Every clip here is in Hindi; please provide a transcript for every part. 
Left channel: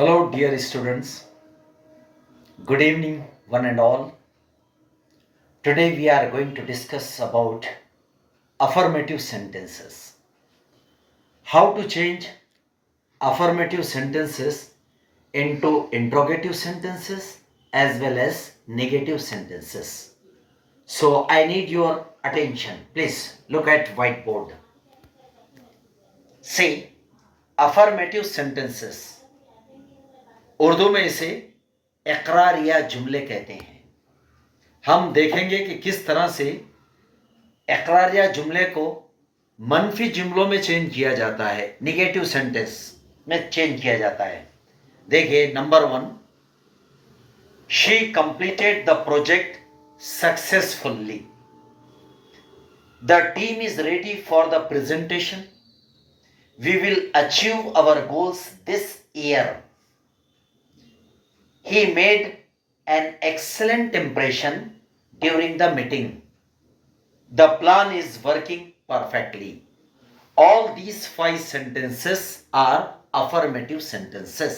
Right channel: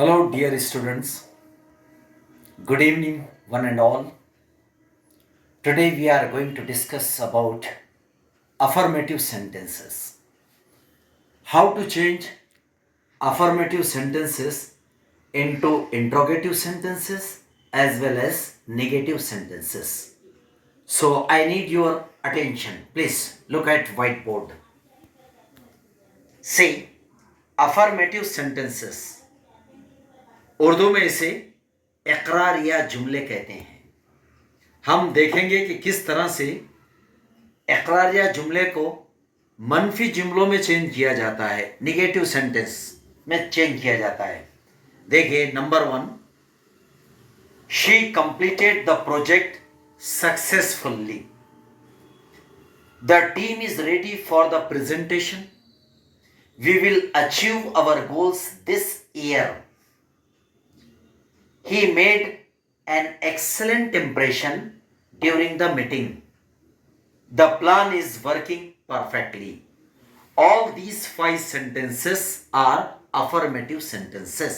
Hello, dear students. Good evening, one and all. Today we are going to discuss about affirmative sentences. How to change affirmative sentences into interrogative sentences as well as negative sentences. So I need your attention. Please look at whiteboard. See, affirmative sentences. Urdu में इसे इकरार या जुमले कहते हैं। हम देखेंगे कि किस तरह से इकरार या जुमले को मनफी जुमलों में चेंज किया जाता है, निगेटिव सेंटेंस में चेंज किया जाता है। देखिए number 1, she completed the project successfully. The team is ready for the presentation. We will achieve our goals this year. He made an excellent impression during the meeting. The plan is working perfectly. All these 5 sentences are affirmative sentences.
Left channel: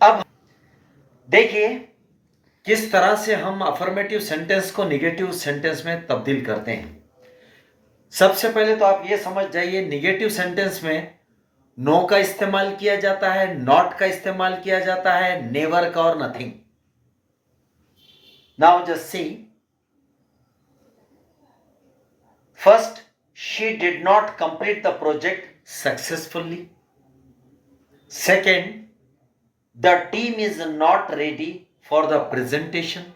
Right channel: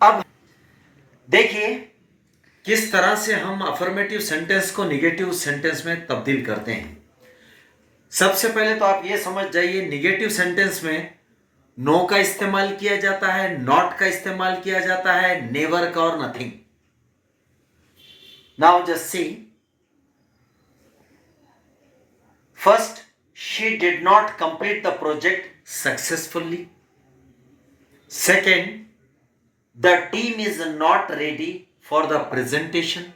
अब देखिए किस तरह से हम affirmative sentence को negative sentence में तब्दील करते हैं। सबसे पहले तो आप ये समझ जाइए, negative sentence में नो का इस्तेमाल किया जाता है, नॉट का इस्तेमाल किया जाता है, नेवर का और nothing. Now just see, first, she did not complete the project successfully. Second, the team is not ready for the presentation.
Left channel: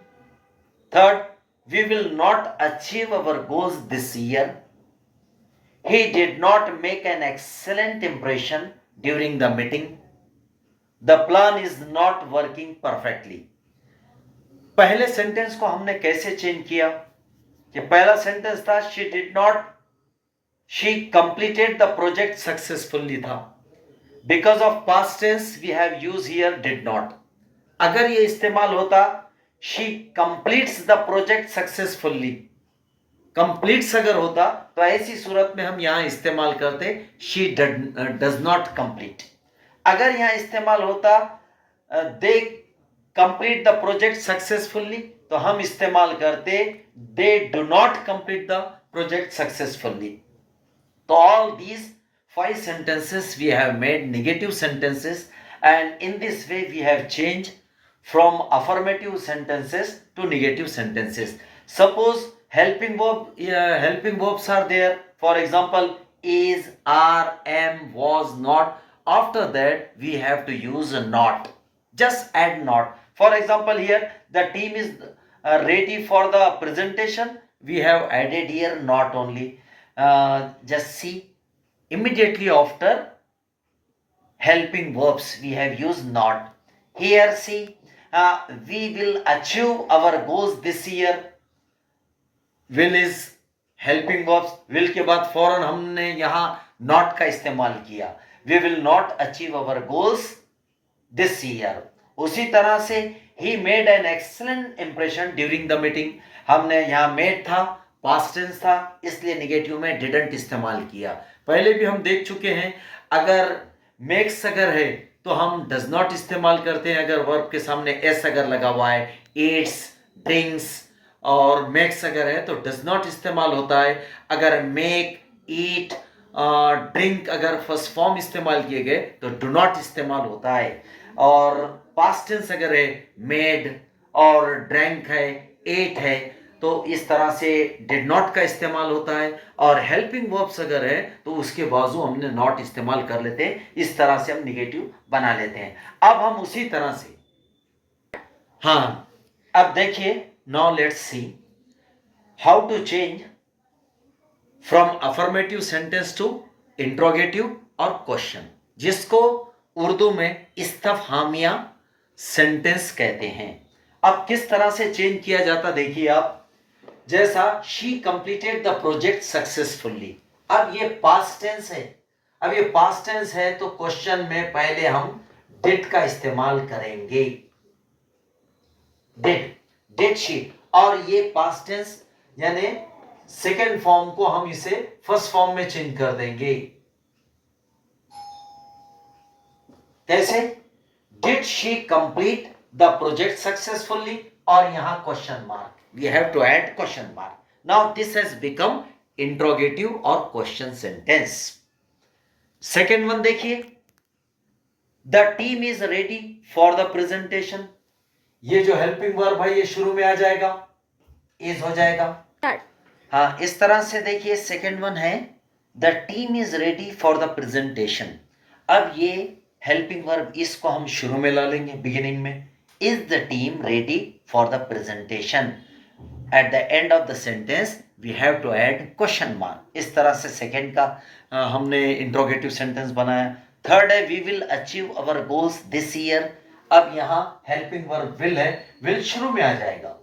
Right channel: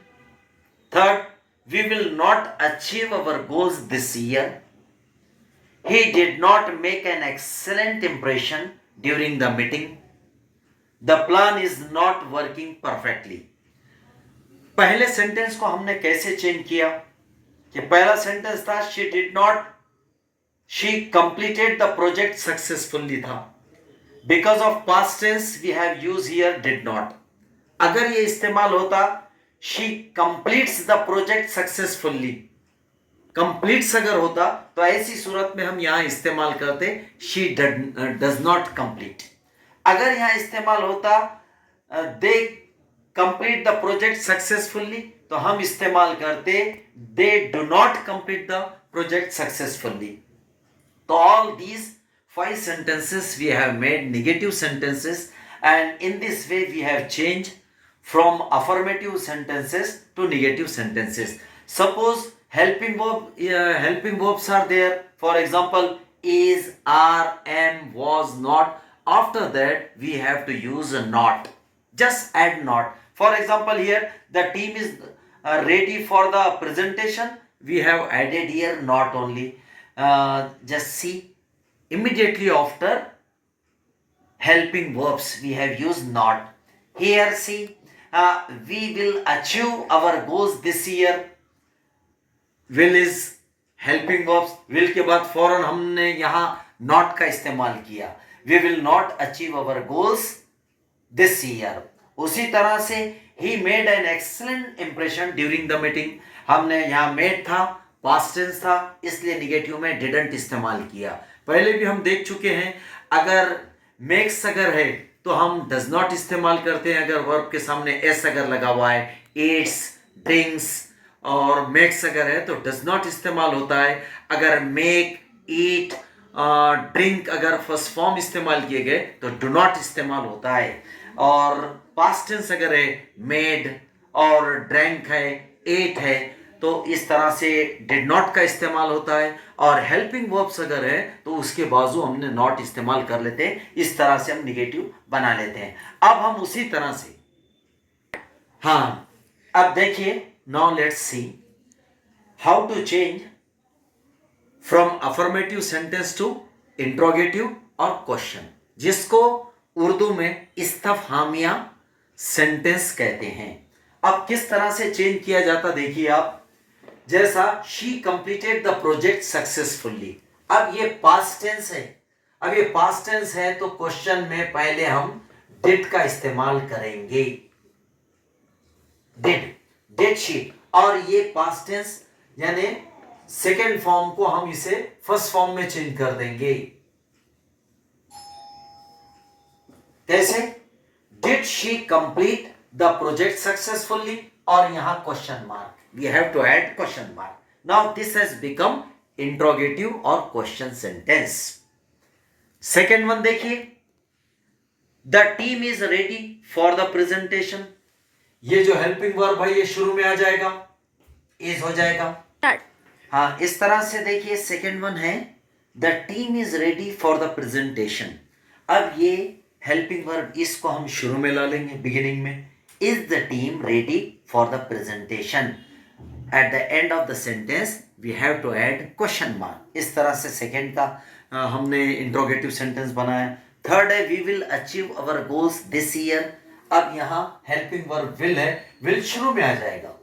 Third, we will not achieve our goals this year. He did not make an excellent impression during the meeting. The plan is not working perfectly. पहले सेंटेंस को हमने कैसे चेंज किया कि पहला सेंटेंस था she completed the project successfully था। Because of past tense we have used here did not। अगर ये इस्तेमाल होता she completes the project successfully, completes अगर होता तो ऐसी सूरत में हम यहां इस्तेमाल करते शी डज नॉट कंप्लीट। अगर यहां इस्तेमाल होता they complete the project successfully तो हम इस्तेमाल करते they do not complete the project successfully. तो all these 5 sentences we have made negative sentences, and in this way we have changed from affirmative sentences to negative sentences. Suppose helping verbs are there. For example, is, are, am, was, not. After that we have to use a not. Just add not. For example, here the team is ready for the presentation. We have added here not only. Just see, immediately after helping verbs we have used not. Here see, we will achieve our goals this year. Will is helping verbs. Will के बाद फौरन हमने यहां नॉट का इस्तेमाल किया। We will not achieve our goals this year. उसी तरह से ही made an excellent impression during the meeting. हमने यहां मेड था, पास्ट टेंस था, इसलिए निगेटिव में डिडंट इस्तेमाल किया। पहले भी हम देख चुके हैं, अगर मेक्स अगर है तो हम डज नॉट इस्तेमाल करते हैं। अगर वर्ब के सामने एस अगर लगा हुआ है, ईट्स, ड्रिंक्स, और मेक्स अगर है तो डज नॉट इस्तेमाल होता है। अगर मेक, ईट, ड्रिंक अगर फर्स्ट फॉर्म इस्तेमाल किए गए तो डू नॉट इस्तेमाल होता है। और पास्ट टेंस अगर है मेड और ड्रैंक है, एट है, तो इस तरह से डिड नॉट का इस्तेमाल होता है। और हेल्पिंग वर्ब्स अगर है तो उसके बाजू हमने नॉट इस्तेमाल कर लेते हैं। इस तरह से हम निगेटिव बना लेते हैं। अब हम उसी तरह से, हाँ, अब देखिए, now let's see how to change from affirmative sentence to interrogative और question, जिसको उर्दू में इस्तफहामिया सेंटेंस कहते हैं। अब किस तरह से चेंज किया जाता देखिए आप। जैसा she completed the project successfully, अब ये past tense है। अब ये past tense है तो क्वेश्चन में पहले हम did का इस्तेमाल करेंगे। did she, और ये पास्ट टेंस यानी सेकेंड फॉर्म को हम इसे फर्स्ट फॉर्म में चेंज कर देंगे। कैसे? Did she complete the project successfully, और यहां question mark, we have to add question mark. Now this has become interrogative और क्वेश्चन सेंटेंस. सेकेंड वन देखिए, the team is ready for the presentation. ये जो हेल्पिंग वर्ब है ये शुरू में आ जाएगा, इज हो जाएगा. हाँ, इस तरह से देखिए सेकेंड वन है the team is ready for the presentation. अब ये हेल्पिंग वर्ब इसको हम शुरू में ला लेंगे बिगिनिंग में. Is the team ready for the presentation. At the end of the sentence we have to add question mark. इस तरह से सेकेंड का हमने इंट्रोगेटिव सेंटेंस बनाया. थर्ड है we will achieve our goals this year. अब यहाँ हेल्पिंग वर्ब विल है, विल शुरू में आ जाएगा.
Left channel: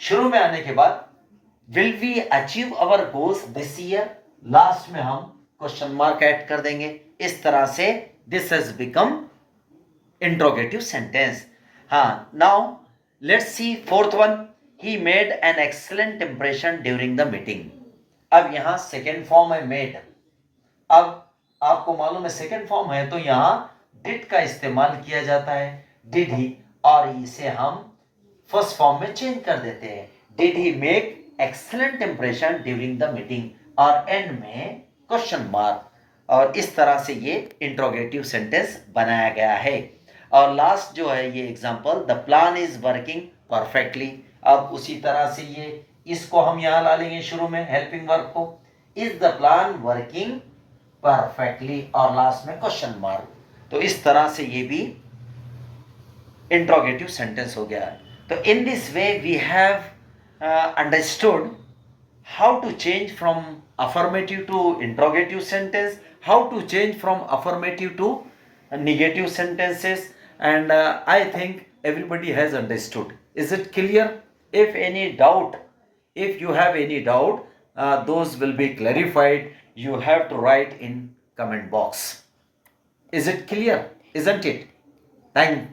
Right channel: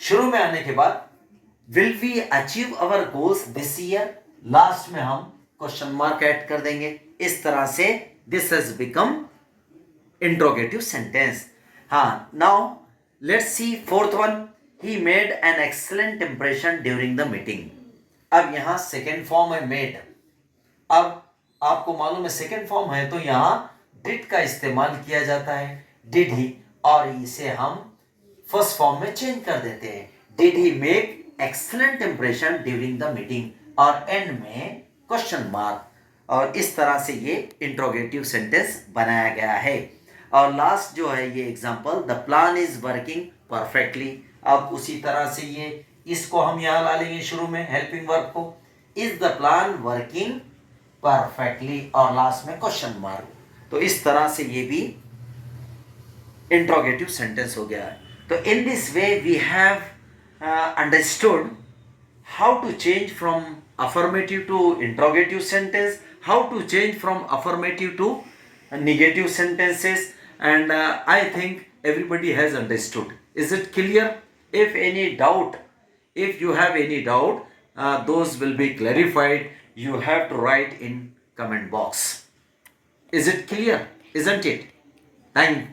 शुरू में आने के बाद will we achieve our goals this year, last में हम क्वेश्चन मार्क ऐड कर देंगे. इस तरह से this has become interrogative sentence. हाँ, now let's see fourth one. He made an excellent impression during the meeting. अब यहां सेकेंड फॉर्म है मेड. अब आपको मालूम है सेकेंड फॉर्म है तो यहां डिड का इस्तेमाल किया जाता है, डिड ही, और इसे हम फर्स्ट फॉर्म में चेंज कर देते हैं. Did he make excellent impression during the meeting, और एंड में क्वेश्चन मार्क. और इस तरह से ये इंट्रोगेटिव सेंटेंस बनाया गया है. और लास्ट जो है ये example, the plan is working perfectly. अब उसी तरह से ये इसको हम यहाँ ला लेंगे शुरू में हेल्पिंग वर्ब को. Is the plan working perfectly, और लास्ट में क्वेश्चन मार्क. तो इस तरह से ये भी इंट्रोगेटिव सेंटेंस हो गया है. तो in this way we have understood how to change from affirmative to interrogative sentence, how to change from affirmative to negative sentences, and I think everybody has understood. Is it clear? If any doubt, if you have any doubt, those will be clarified. You have to write in comment box. Is it clear? Isn't it? Thank you.